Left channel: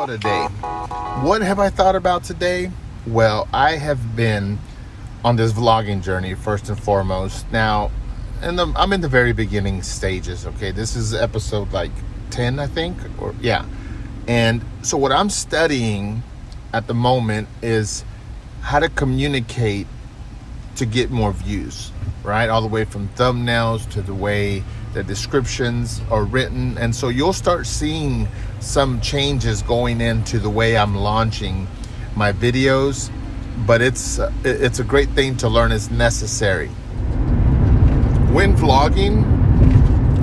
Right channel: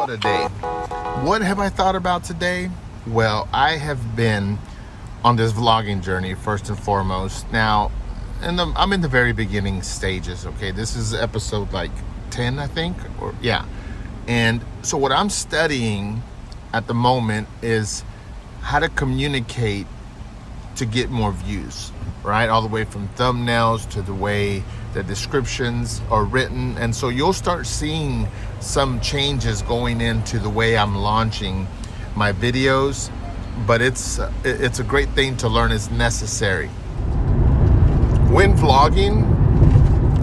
What a day. What have I thought about today? Well, I have been on this vlogging journey first and foremost. Now, I'm in the very beginning stages, okay? This is episode like 10, I think, or yeah. And so what I'm studying at the moment is how to communicate to get more views, right? All the way from thumbnails to the way the descriptions are written. And so you'll start seeing some changes going into the way I'm launching my videos, but it's a great thing to learn. It's necessary. When vlogging,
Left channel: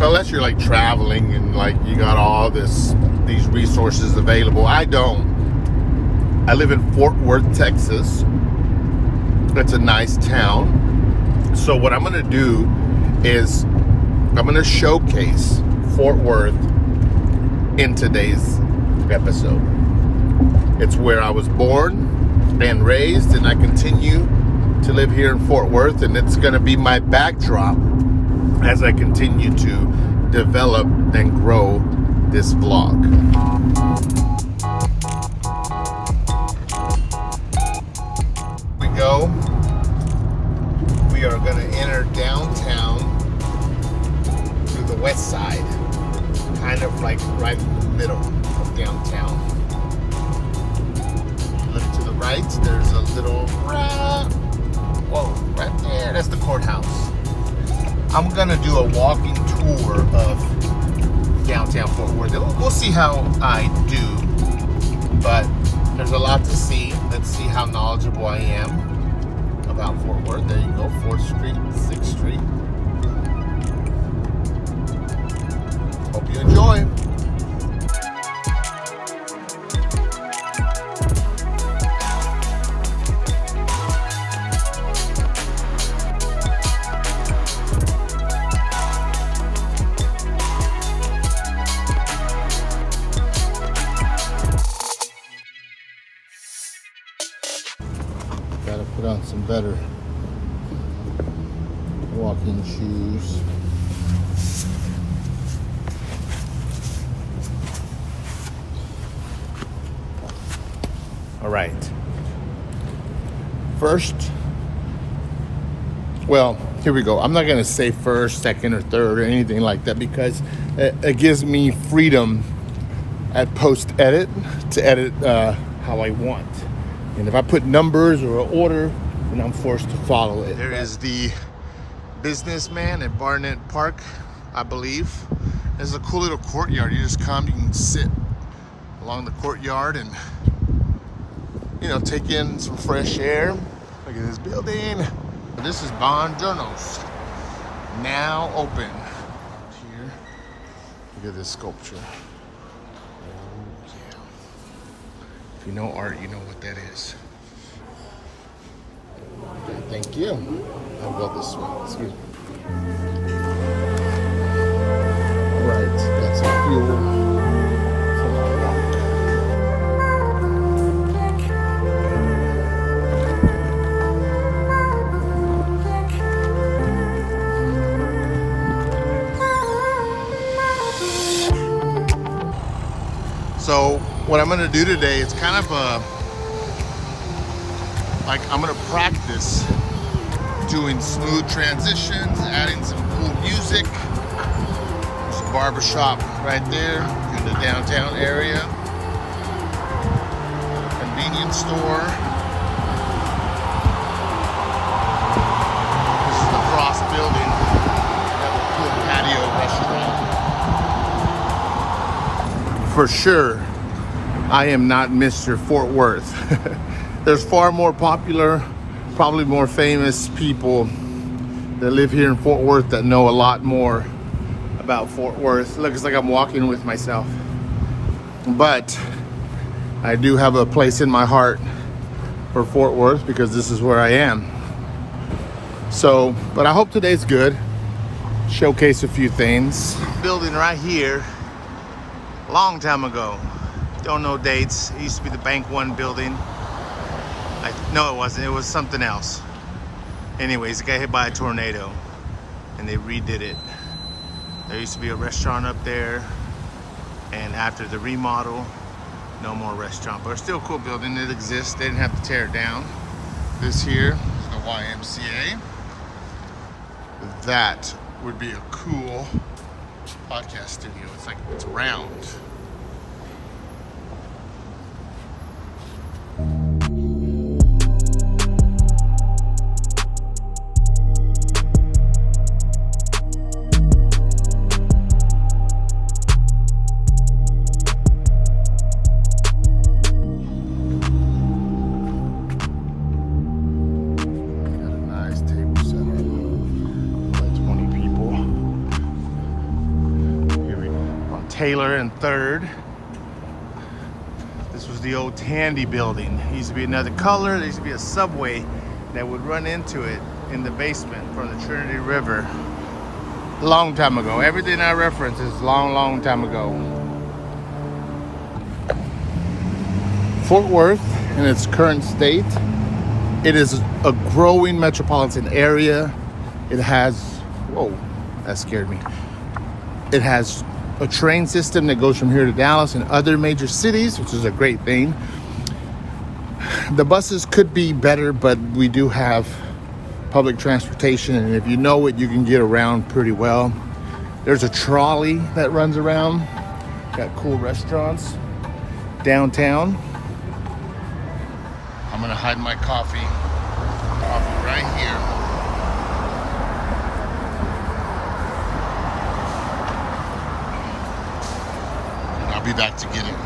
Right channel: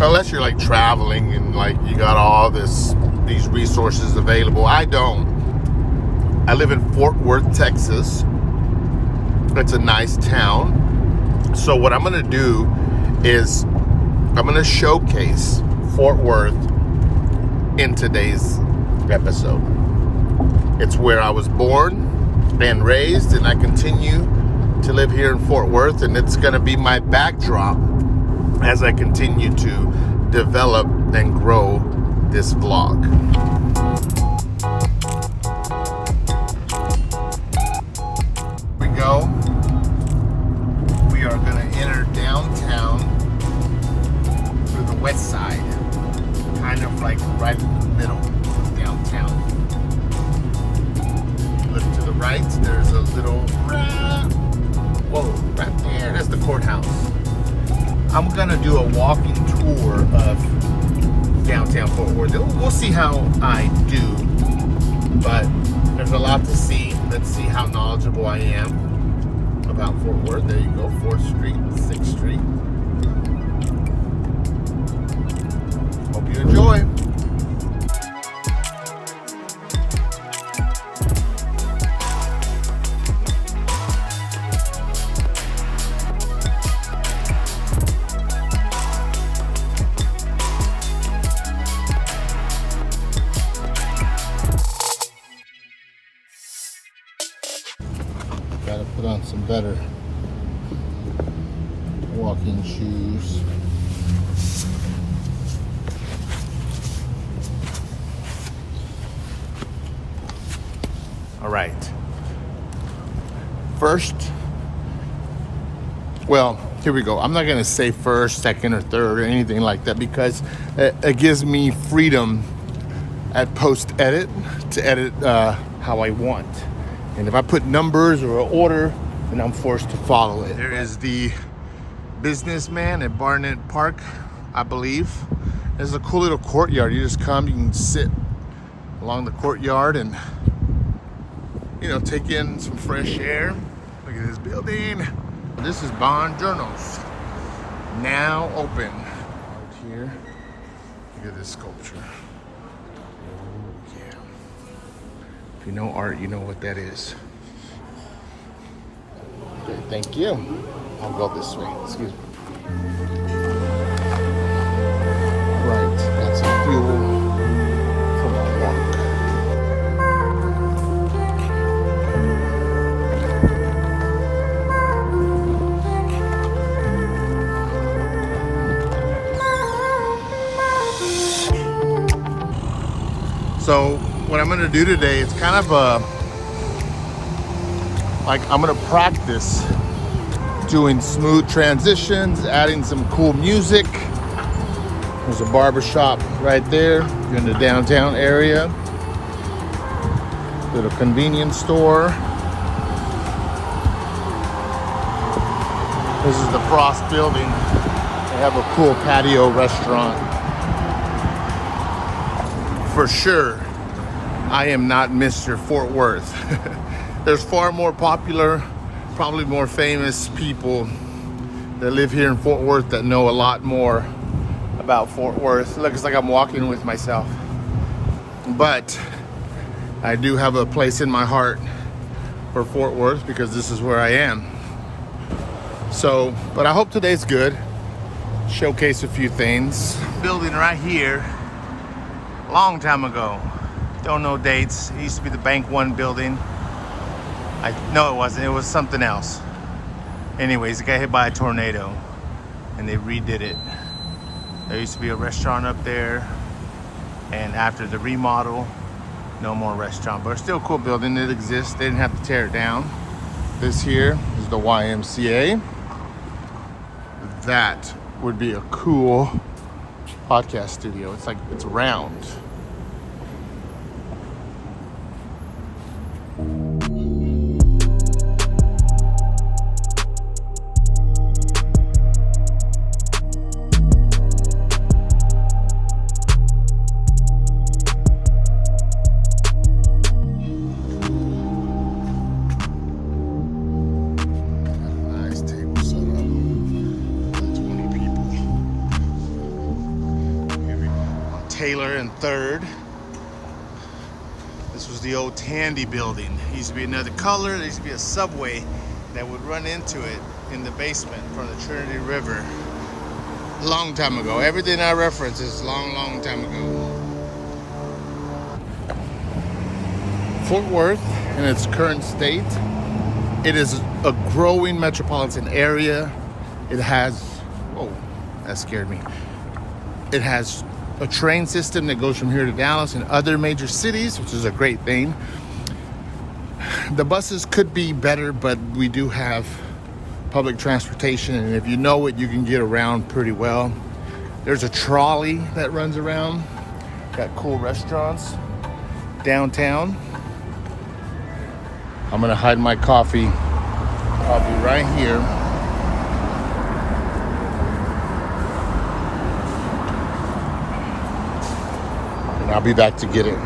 unless you're like traveling and like you got all these resources available, I don't. I live in Fort Worth, Texas. It's a nice town. So what I'm gonna do is I'm gonna showcase Fort Worth in today's episode. It's where I was born and raised, and I continue to live here in Fort Worth, and it's gonna be my backdrop as I continue to develop and grow this vlog. Here we go. We are gonna enter downtown through the west side, kind of like right in the middle of downtown. Look to the right, there's a little, whoa, right there, that's the courthouse. I'm gonna do a walking tour of downtown Fort Worth. We'll see how I do, but there's a lot to see. Let's see how knowledgeable I am about Fort Worth. There you go, 4th Street, 6th Street. Hope you enjoy. Gotta put on some better walking shoes. All right. First, well, here we go. I'm not gonna say first, second, or third or anything like that because it gives me freedom at post edit to edit how I want. And if I put numbers or an order, then I'm forced to follow it. There is the Businessman at Barnett Park, I believe. There's a cool little courtyard. You just come, you can sit along the courtyard and, you know, take in some fresh air. Look at this building. This is Bond Journals, now open. Art here. Look at this sculpture. If you know art, you know what that is. Okay, thank you. I'll go this way. All right, that's a fuel for my walk. So what I'm gonna do today, it's kind of I'm gonna practice doing smooth transitions, adding some cool music. There's a barber shop right there in the downtown area. Go to a convenience store. This is the Frost building. They have a cool patio restaurant. For sure, I am not Mr. Fort Worth. There's far more popular, probably more famous people that live here in Fort Worth that know a lot more about Fort Worth. Looks like I'm walking with myself. But I do have a place in my heart for Fort Worth because this is where I am. So, but I hope today's good. Showcase a few things. Building right here, long time ago. Don't know dates. It used to be the Bank One building. No, it wasn't. It was something else. Anyways, it got hit by a tornado and they redid it. There used to be a restaurant up there, and after the remodel, No more restaurant, but it's still a cool building. It exists. They didn't have to tear it down. This here is the YMCA. That would be a cool podcast studio. It's like, it's round. Taylor and 3rd. This was the old Tandy building. It used to be another color. There used to be a subway that would run into it in the basement from the Trinity River. A long time ago. Everything I reference is long time ago. Fort Worth in its current state, it is a growing metropolitan area. It has, whoa, that scared me. It has a train system that goes from here to Dallas and other major cities, which is a great thing. The buses could be better, but we do have public transportation, and if you know it, you can get around pretty well. There's a trolley that runs around. Got cool restaurants downtown. I'm gonna hide my coffee right here. I'll be back to get it.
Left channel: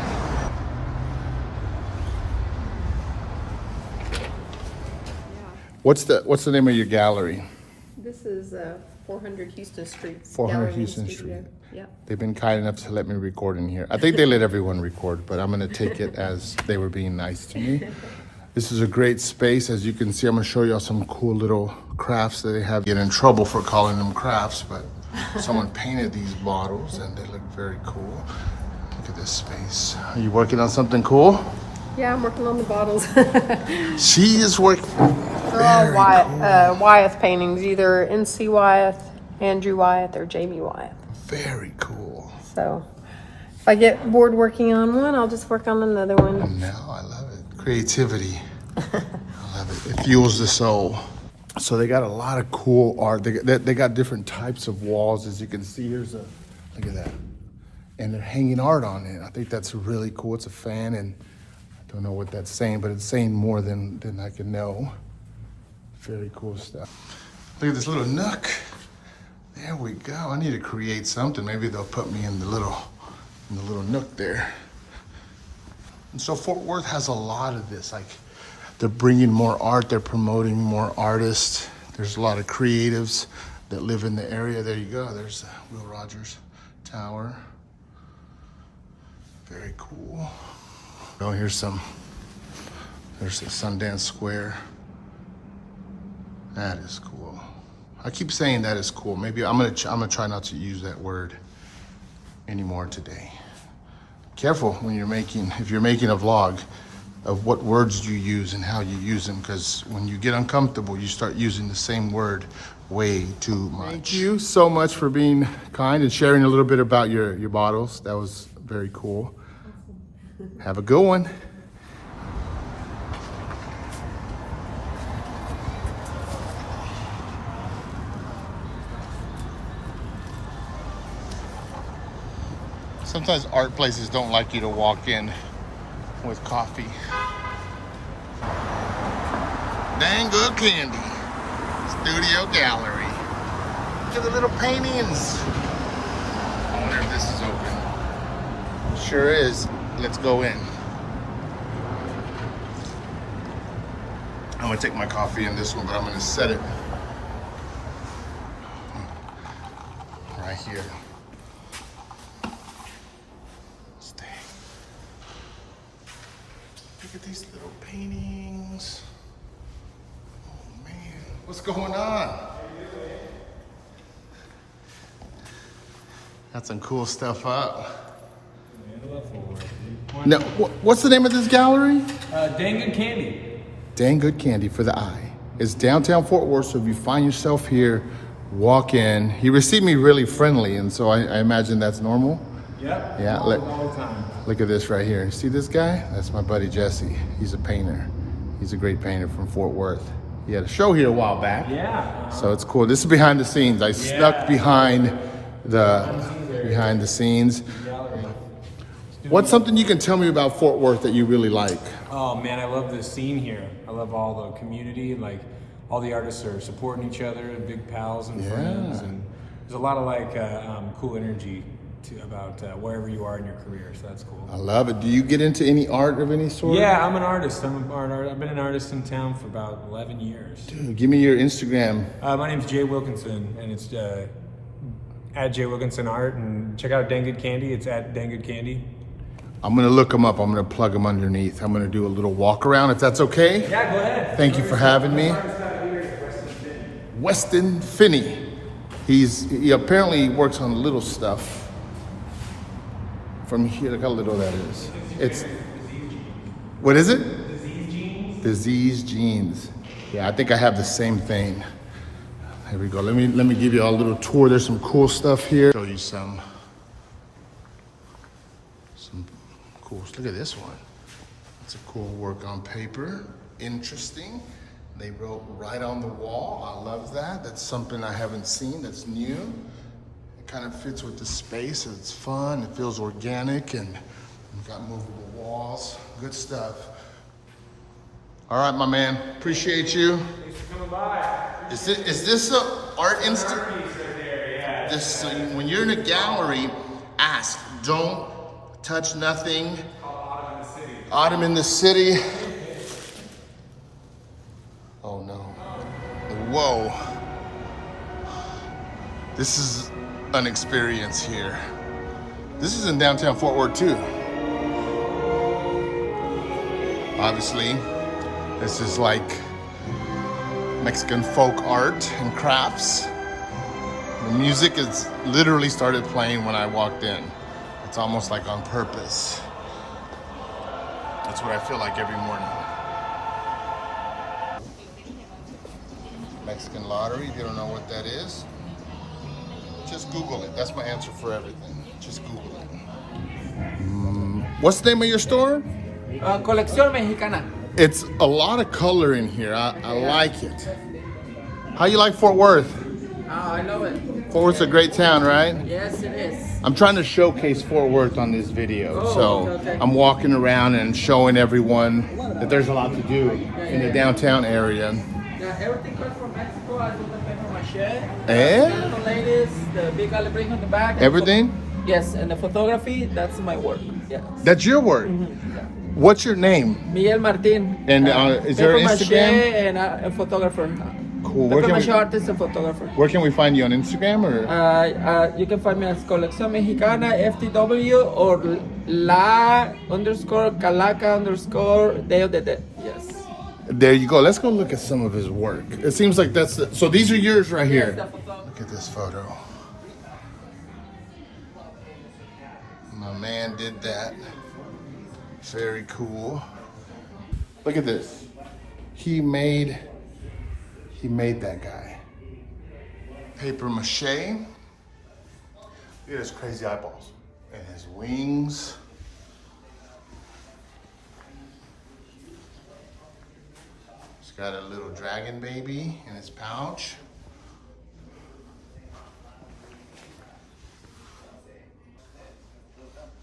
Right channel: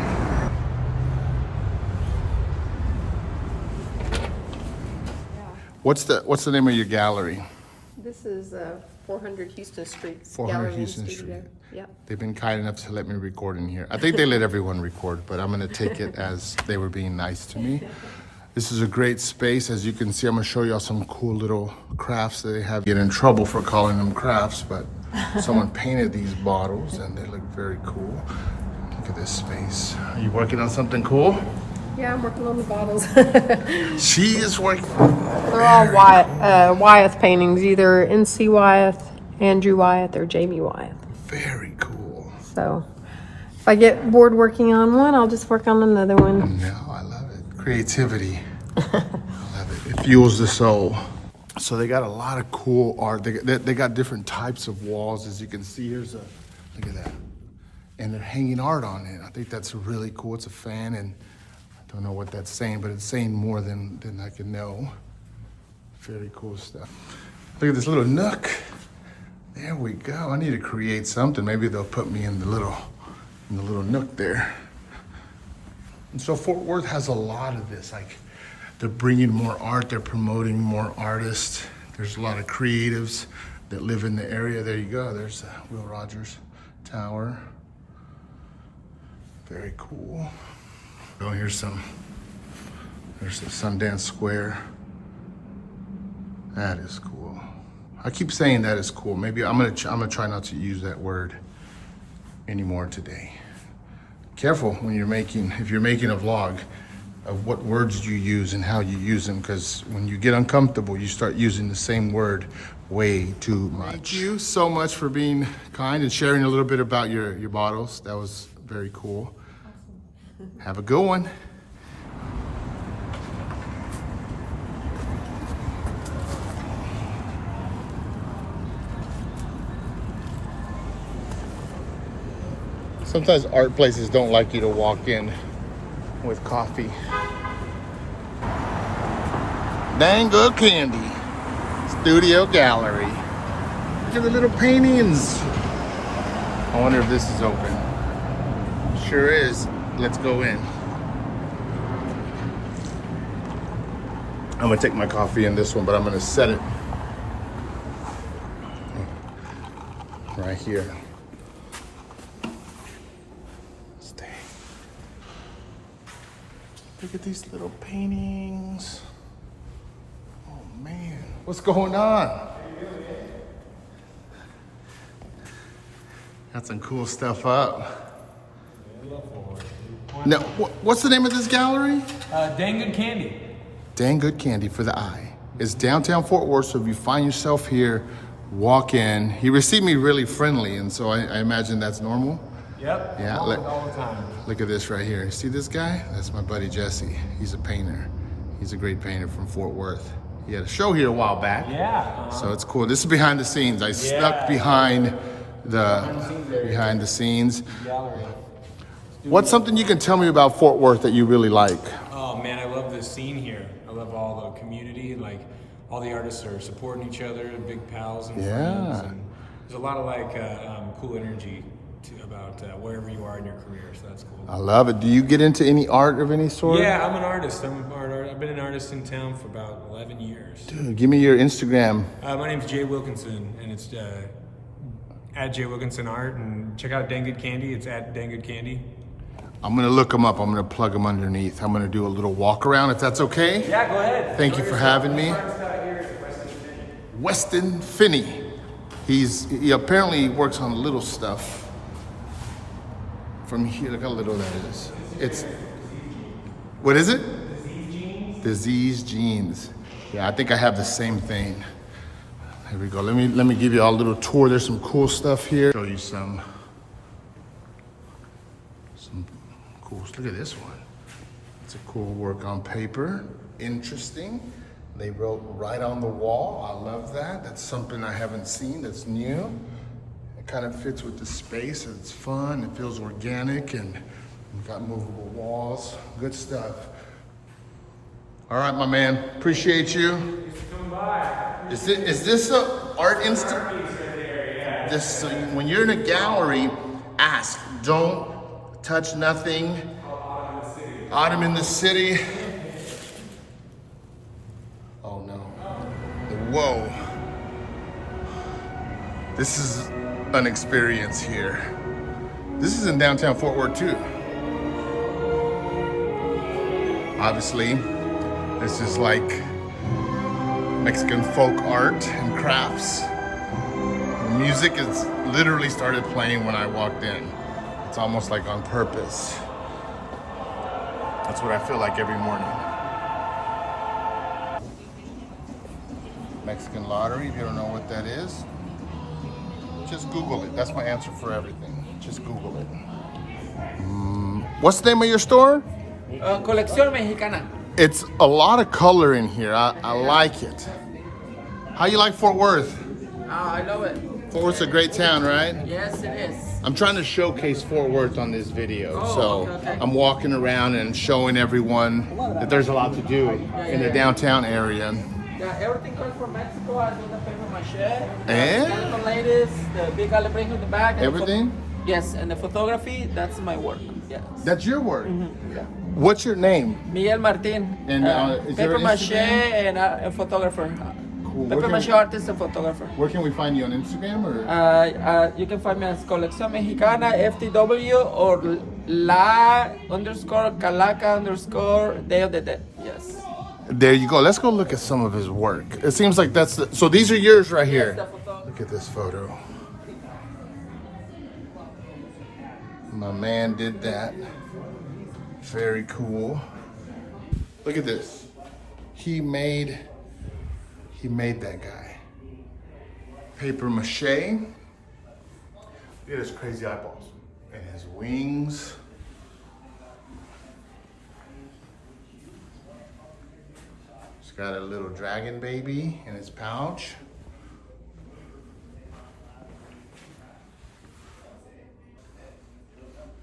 What's the name of your gallery? This is 400 Houston Street. 400 Houston Street. Yep. They've been kind enough to let me record in here. I think they let everyone record, but I'm going to take it as they were being nice to me. This is a great space. As you can see, I'm going to show y'all some cool little crafts that they have. Get in trouble for calling them crafts, but someone painted these bottles and they look very cool. Look at this space. Are you working on something cool? Yeah, I'm working on the bottles. She is working. They're all Wyeth paintings, either N.C. Wyeth, Andrew Wyeth, or Jamie Wyeth. Very cool. So if I get bored working on one, I'll just work on another one. No, I love it. Creativity. I love it. It fuels the soul. So they got a lot of cool art. They got different types of walls. As you can see, here's a, look at that. And they're hanging art on it. I think that's really cool. It's a fan, and I don't know what that's saying, but it's saying more than I can know. Very cool stuff. Look at this little nook. There we go. I need to create something. Maybe they'll put me in the little nook there. And so Fort Worth has a lot of this. Like, they're bringing more art. They're promoting more artists. There's a lot of creatives that live in the area. There you go. There's Will Rogers Tower. Very cool. Oh, there's the Sundance Square. That is cool. I keep saying that is cool. Maybe I'm gonna try not to use that word anymore today. Careful when if you're making a vlog, of what words you use and how you use them, because when you get uncomfortable, you start using the same word way too much. Thank you so much for being kind and sharing a little bit about your bottles. That was very cool. Awesome. Have a good one. Sometimes art places don't like you to walk in with coffee. Dang good candy. Studio gallery. Look at the little paintings. I wonder if this is open. Sure is. Let's go in. I'm gonna take my coffee in this one, but I'm gonna set it right here. Look at these little paintings. Oh man, what's going on? Got some cool stuff up. Now, what's the name of this gallery? Dang Good Candy. Dang Good Candy for the Eye. It's downtown Fort Worth, so if you find yourself here, walk in. He received me really friendly, and so I imagine that's normal. Yep. Yeah, All the time. look at this right here. See this guy? That's my buddy Jesse. He's a painter. He's a great painter from Fort Worth. He had a show here a while back. Yeah. So it's cool. This is behind the scenes. I snuck behind the scenes. What's something you can tell me about Fort Worth that you really like? Oh man, I love the scene here. I love all the community. Like all the artists are supporting each other, big pals and friends, and there's a lot of like cool energy about wherever you are in your career. So that's cool. I love it. Do you get into any art of any sort? Yeah, I'm an artist. I've been an artist in town for about 11 years. Dude, give me your Instagram. My name's Jay Wilkinson, and it's at Jay Wilkinson Art. And check out Dang Good Candy. It's at Dang Good Candy. I'm gonna look them up. I'm gonna plug them underneath. I'm gonna do a little walk around if that's okay. Yeah, go ahead. Thank you for having me. Weston Finney. He apparently works on little stuff. From here, look how little that is. It's, what is it? Disease Jeans. Yeah, I think I have the same thing. Here we go. Let me give you all a little tour. There's some cool stuff here. Show you some cool. Look at this one. It's a cool work on paper. Interesting. They wrote right on the wall. I love that. That's something I haven't seen. That's new. It kind of fits with the space. It's fun. It feels organic, and we've got movable walls. Good stuff. All right, my man. Appreciate you. Is this an art institute? This when you're in a gallery, ask. Don't touch nothing. Autumn in the city. Oh no. Whoa. This is an experience here. This is in downtown Fort Worth too. Obviously, this is like Mexican folk art and crafts. The music is literally started playing when I walked in. It's almost like on purpose. That's what I feel like every morning. Mexican lottery, if you don't know what that is, just Google it. That's my answer for everything. Just Google it. What's the name of your store? Colección Mexicana. It's a lot of color in here. I like it. How you like Fort Worth? Oh, I love it. Fort Worth's a great town, right? Yes, it is. I'm trying to showcase Fort Worth on this video. Oh, so okay. I'm walking around and showing everyone that there's a lot to do in the downtown area. Yeah, everything comes from Mexico. I do the paper mache. And The ladies, the big aluminum in the back. and everything? Yes, and the photography, that's my work. Yes. That's your work. What's your name? Miguel Martin. And, is there paper an mache Instagram? and a photographer. Cool. Paper mache artist and photographer. Where can we find you on Instagram or? You can find me as Colección Mexicana FTW or _Calaca_ Day of the Dead. Yes. There you go. Let's go look at some of his work. It seems like that's so these are yours right here. Look at this photo. My man did that. Very cool. Look at this. He made that guy. Paper mache. Look at his crazy eyeballs and his wings. He's got a little dragon baby in his pouch.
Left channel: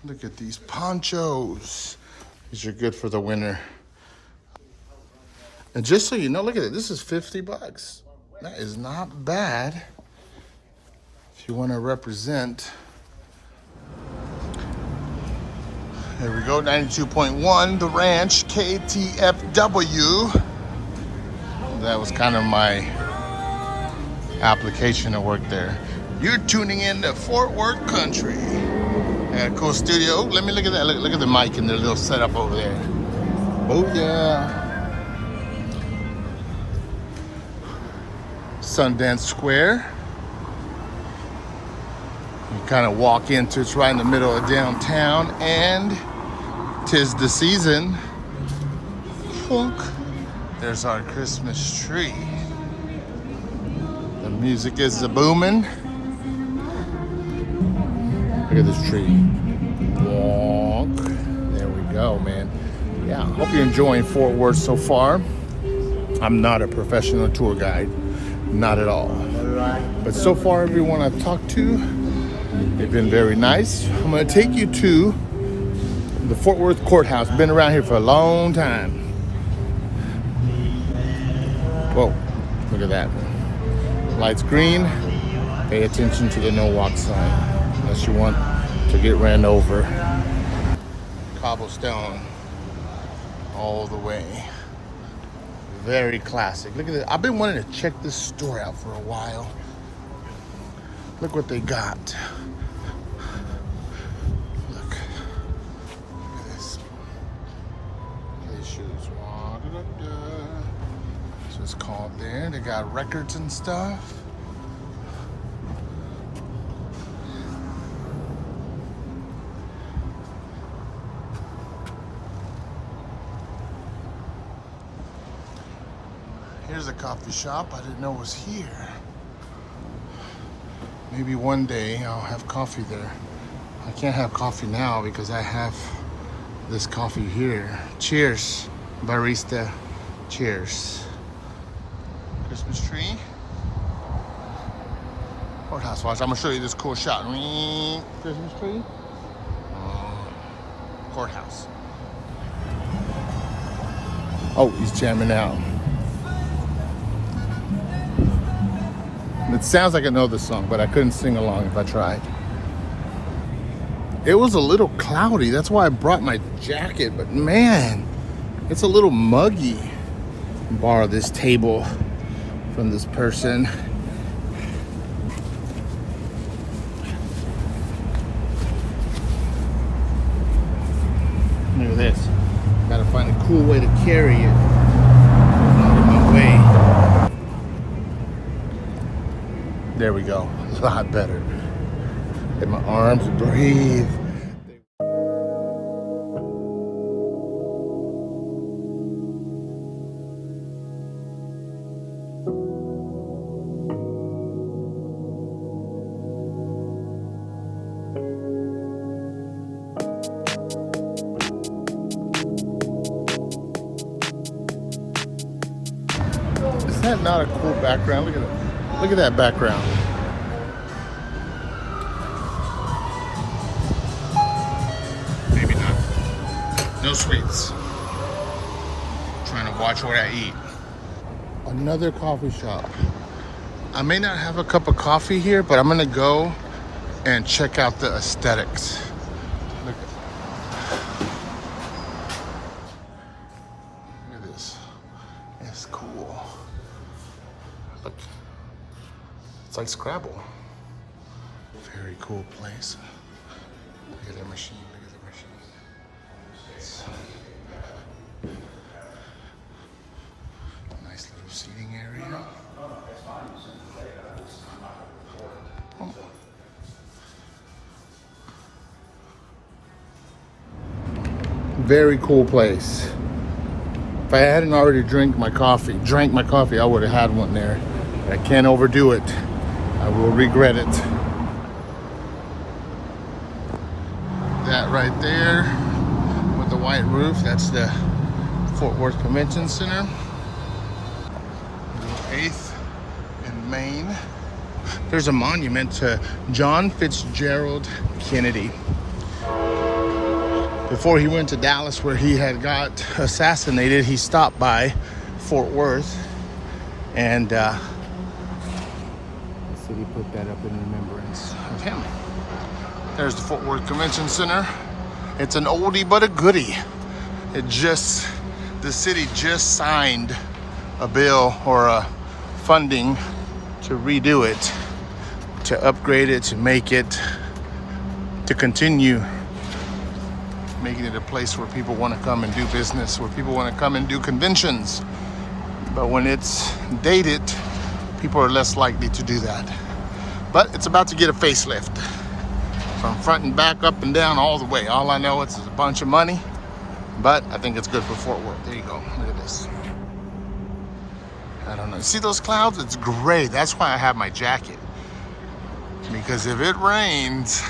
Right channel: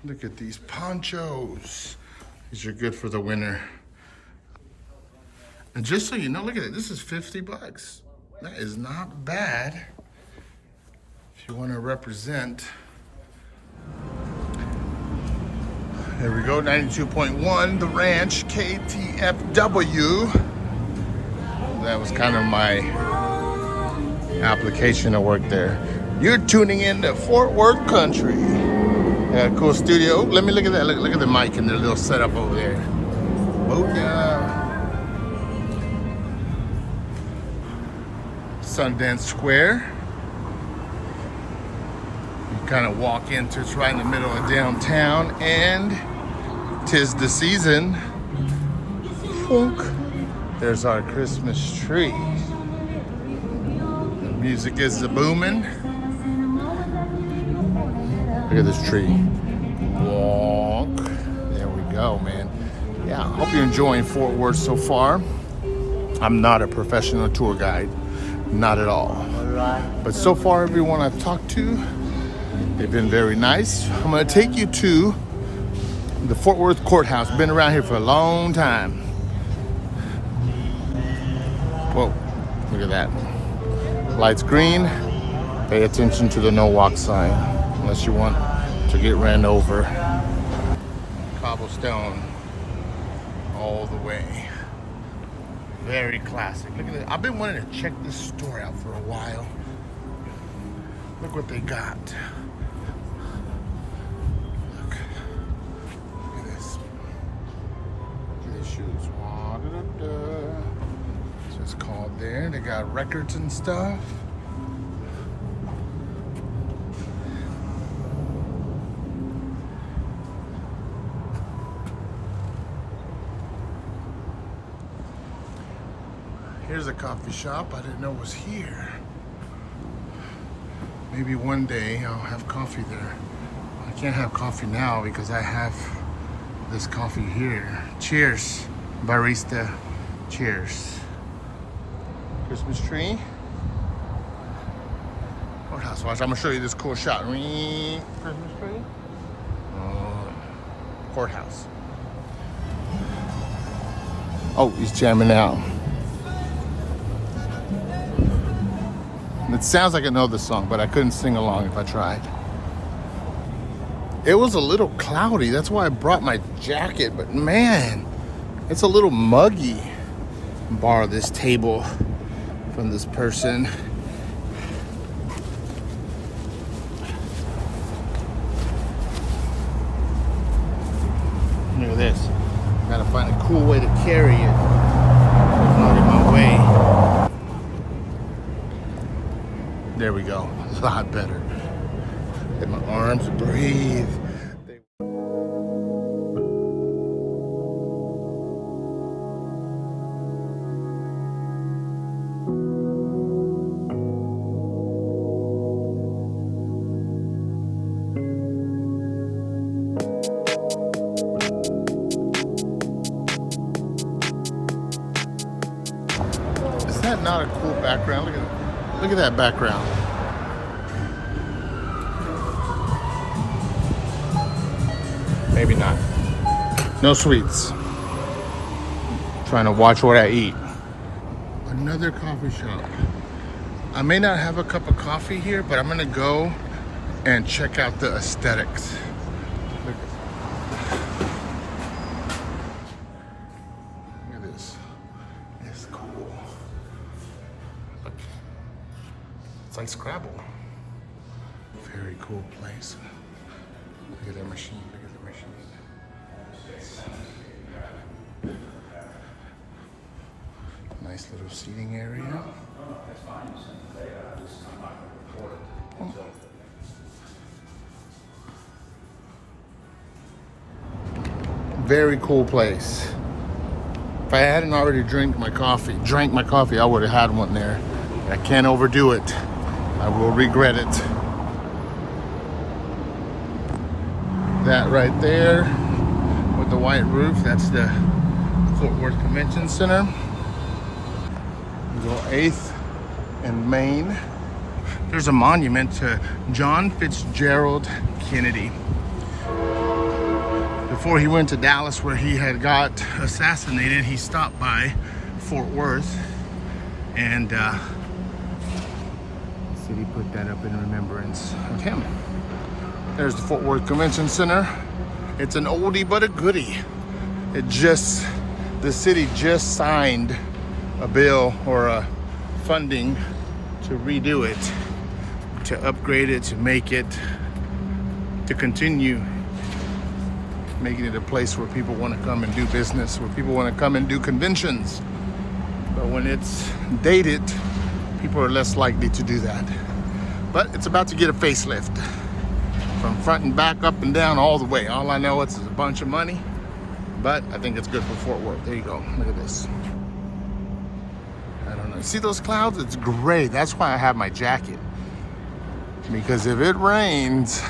Look at these ponchos. These are good for the winter. And just so you know, look at it. This is $50. That is not bad. So you want to represent. Here we go, 92.1, The Ranch, KTFW. That was kind of my application to work there. You're tuning in to Fort Worth Country. Yeah, cool studio. Let me look at that. Look at the mic and the little setup over there. Booyah. Sundance Square. You kind of walk into, it's right in the middle of downtown, and 'tis the season. Funk. There's our Christmas tree. The music is booming. Look at this tree. walk. There we go, man. Yeah, hope you're enjoying Fort Worth so far. I'm not a professional tour guide, not at all. But so far, everyone I've talked to, they've been very nice. I'm gonna take you to the Fort Worth Courthouse. Been around here for a long time. Whoa, look at that. Lights green, pay attention to the no walk sign, unless you want to get ran over. Cobblestone all the way. Very classic. Look at this. I've been wanting to check this store out for a while. Look what they got. Look at this. Look at these shoes. So it's called there. They got records and stuff. Here's a coffee shop I didn't know was here. Maybe one day I'll have coffee there. I can't have coffee now because I have this coffee here. Cheers, barista. Cheers. Christmas tree. Courthouse. Watch, I'm gonna show you this cool shot. Christmas tree. Courthouse. Oh, he's jamming out. It sounds like I know this song, but I couldn't sing along if I tried. It was a little cloudy. That's why I brought my jacket. But man, it's a little muggy. Borrow this table from this person. Look at this. Gotta find a cool way to carry it. It's not in my way. There we go. A lot better. Let my arms breathe. Is that not a cool background? Look at it. Look at that background. Maybe not. No sweets. Trying to watch what I eat. Another coffee shop. I may not have a cup of coffee here, but I'm gonna go and check out the aesthetics. Look at this. It's cool. Look. It's like Scrabble. Very cool place. Look at that machine. Look at the machine. It's nice little seating area. Oh. Very cool place. If I hadn't already drank my coffee, I would have had one there. But I can't overdo it. I will regret it. That right there with the white roof, that's the Fort Worth Convention Center. Go 8th and Main. There's a monument to John Fitzgerald Kennedy. Before he went to Dallas where he had got assassinated, he stopped by Fort Worth and the city put that up in remembrance of him. There's the Fort Worth Convention Center. It's an oldie but a goodie. The city just signed a bill or a funding to redo it, to upgrade it, to make it, to continue making it a place where people want to come and do business, where people want to come and do conventions. But when it's dated, people are less likely to do that. But it's about to get a facelift. From front and back, up and down, all the way. All I know is it's a bunch of money, but I think it's good for Fort Worth. There you go, look at this. I don't know, see those clouds? It's gray, that's why I have my jacket. Because if it rains,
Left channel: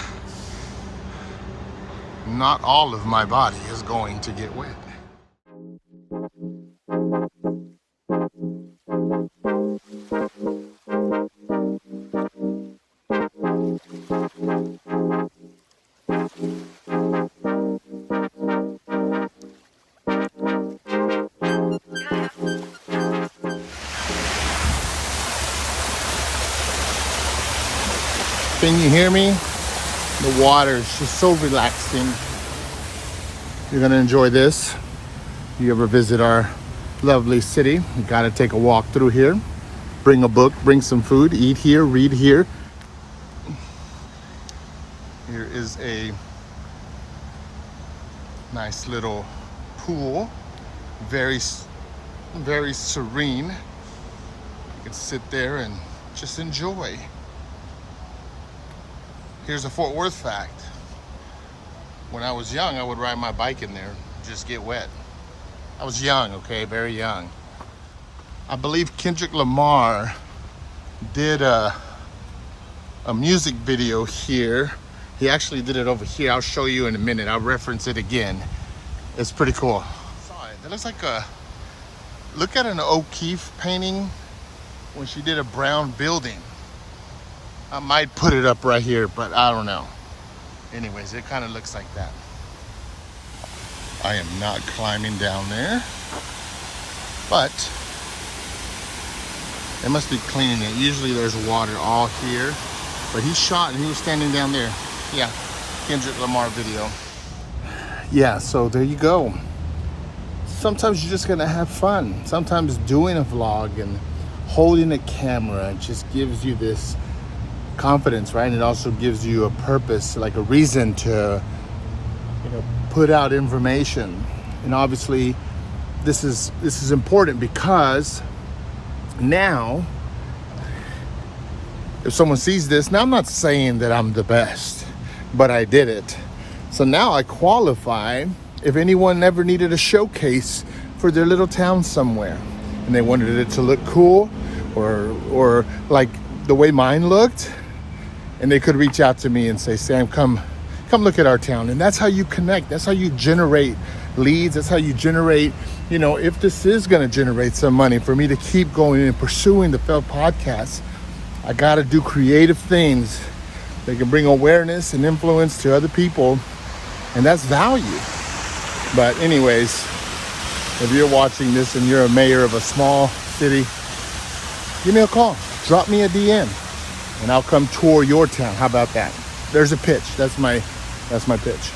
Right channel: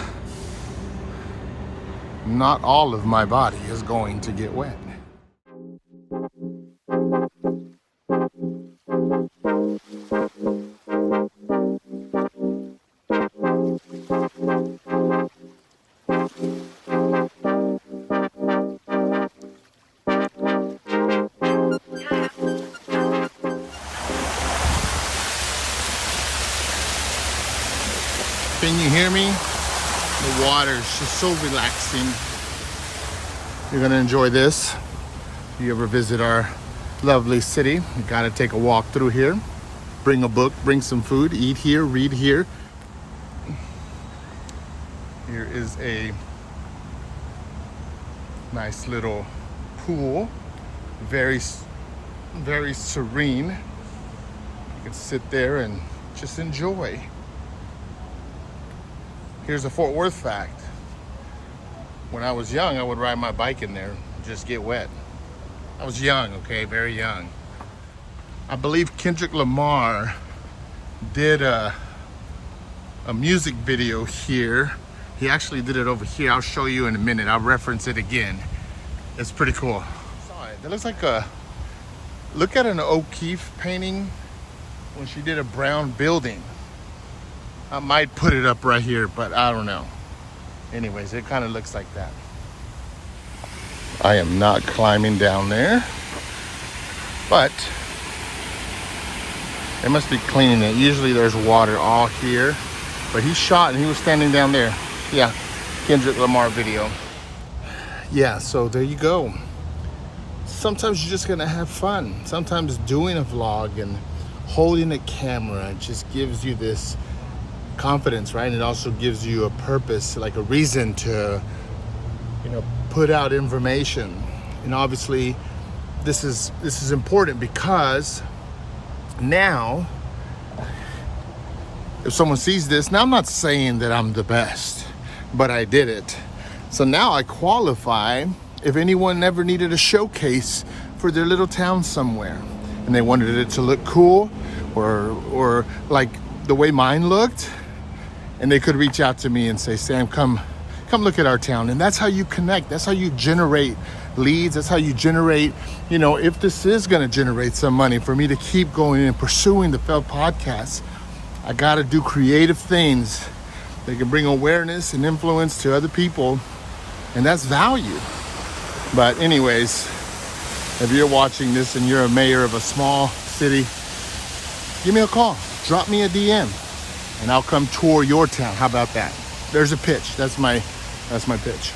not all of my body is going to get wet. Can you hear me? The water is just so relaxing. You're gonna enjoy this. If you ever visit our lovely city, you gotta take a walk through here. Bring a book, bring some food, eat here, read here. Here is a nice little pool, very serene. You can sit there and just enjoy. Here's a Fort Worth fact. When I was young, I would ride my bike in there, just get wet. I was young, okay, very young. I believe Kendrick Lamar did a music video here. He actually did it over here. I'll show you in a minute. I'll reference it again. It's pretty cool. That looks like look at an O'Keeffe painting when she did a brown building. I might put it up right here, but I don't know. Anyways, it kind of looks like that. I am not climbing down there, but they must be cleaning it. Usually there's water all here, but he shot and he was standing down there. Yeah, Kendrick Lamar video. Yeah, so there you go. Sometimes you're just gonna have fun. Sometimes doing a vlog and holding a camera just gives you this confidence, right? And it also gives you a purpose, like a reason to, put out information. And obviously this is important because now if someone sees this, now I'm not saying that I'm the best, but I did it. So now I qualify if anyone ever needed a showcase for their little town somewhere and they wanted it to look cool or like the way mine looked, and they could reach out to me and say, Sam, come look at our town. And that's how you connect. That's how you generate leads. That's how you generate, if this is going to generate some money for me to keep going and pursuing the Failed Podcast, I got to do creative things that can bring awareness and influence to other people. And that's value. But anyways, if you're watching this and you're a mayor of a small city, give me a call. Drop me a DM. And I'll come tour your town. How about that? There's a pitch. That's my pitch.